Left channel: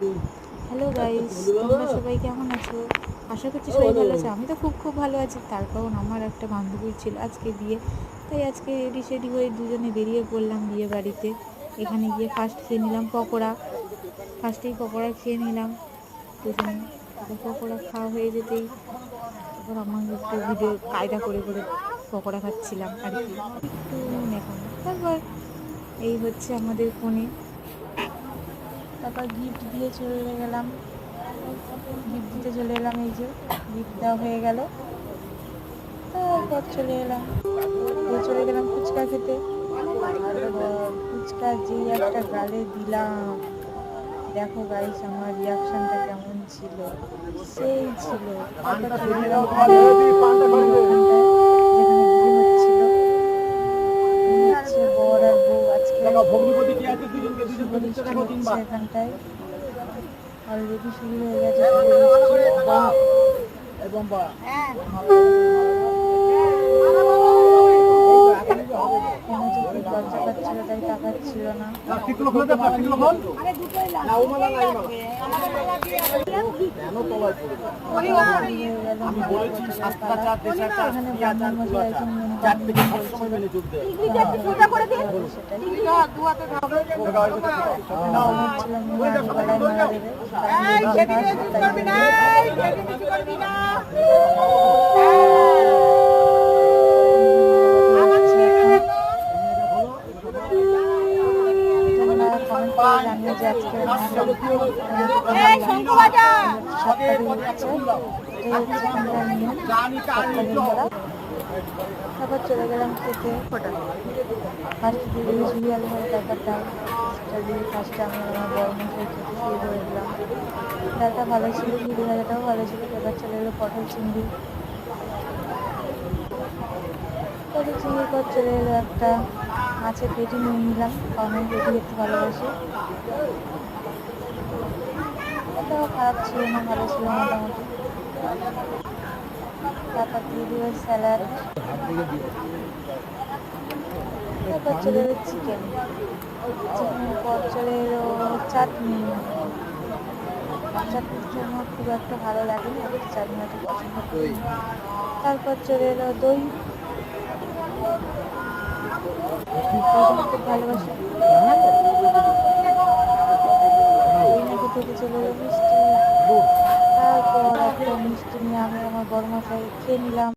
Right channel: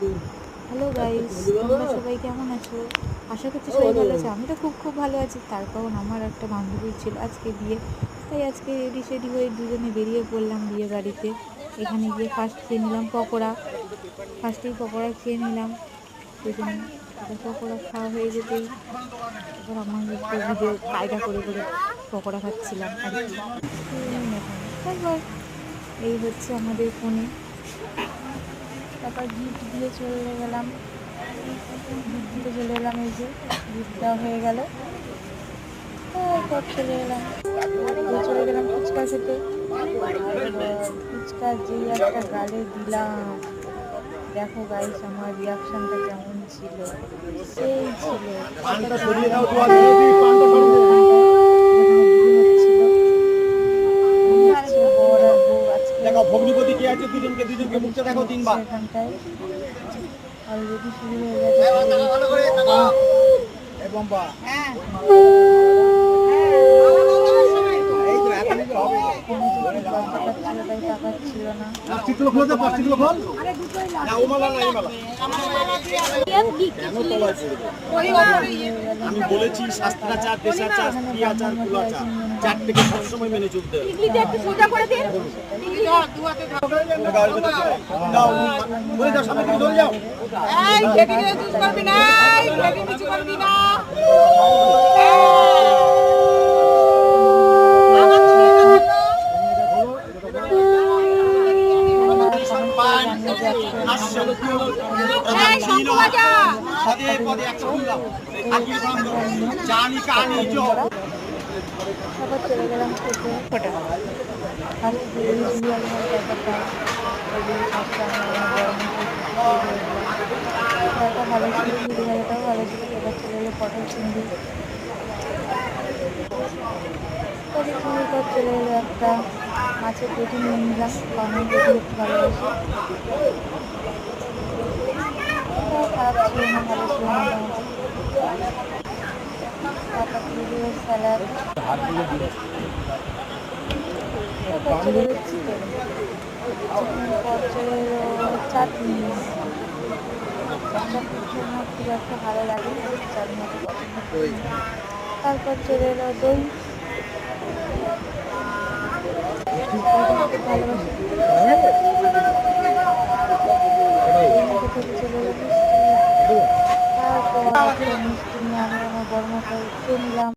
Hello guys, তোমরা সবাই কেমন আছো? আশা করছি সবাই ভালো আছে। আমি তো খুব ভালো আছি। তার কারণ আমার একটা বান্ধবীর ছিল আজকে বিয়ে, তাই আজকে রেডি সেডি হয়ে দুজনে বেরিয়ে পড়লাম বিয়ে বাড়িতে। এখানে গিয়ে ফার্স্ট খেয়ে নিলাম পকোড়া। ফার্স্টেই পকোড়া খেয়ে নিলাম দুজনে। তারপর পকোড়া খাওয়া হয়ে যেতেই তারপর আমাকে একটু ভিডিও কায়দা করে পকোড়া খাচ্ছিলাম আর কি। এখন তারপর এই হচ্ছে আমাদের ফোনে। তারপর গিফট দিয়ে চলে গেলাম, গিফট দিতে চলে এলাম। এই যে গিফট দেওয়া হয়ে গেল। তারপর চলে গেলাম ফুচকা খেতে। ফুচকা যেই একটা গালে দিলাম, দেখো গাইস আমার রিয়াকশনটা কেমন ছিল, সেই ছিল। বর আর বউ আজকে এখানটায় অলরেডি শুরু হয়ে গেছে। তাই তাকাচ্ছিল না। আমি বলেছি শাস্ত্রাচার, দেশাচার, ক্রিয়াচার, কুলাচার চারটিকে সবসময় মেনে চলতে হবে। তারপর চলে গেলাম খেতে। ফার্স্ট ইউজুয়াল হয় ব্যাপারটা, ফার্স্টে আমি আমার বড় মশাই খেয়ে দিলাম। তারটা ভালো ছিল, ঝুড়ি ভাজাটাও ভালো ছিল। এবার চলে এলো পটল চিংড়ি। পটল চিংড়ির পর চলে এলো একটা মাছের পেটি নিয়ে নিলাম, কারণ আমি পেটি খেতে ভালোবাসি। এটাও খারাপ ছিল না, ভালো ছিল মোটামুটি। তারপর দিয়ে দিল স্যালাড। তারপর চলে এলো চিকেন। চিকেনের পর চলে এলো চাটনি। চাটনি আমার খুব একটা ভালো লাগে না, চাটনি অত পছন্দ করি। তারপর চলে এলো দই। খুব ভালোবাসি। থেকে চলে এলো মিষ্টি। তারপর একটা মিষ্টি নিয়ে আমি আমার বড় মশাই খেয়ে নিলাম।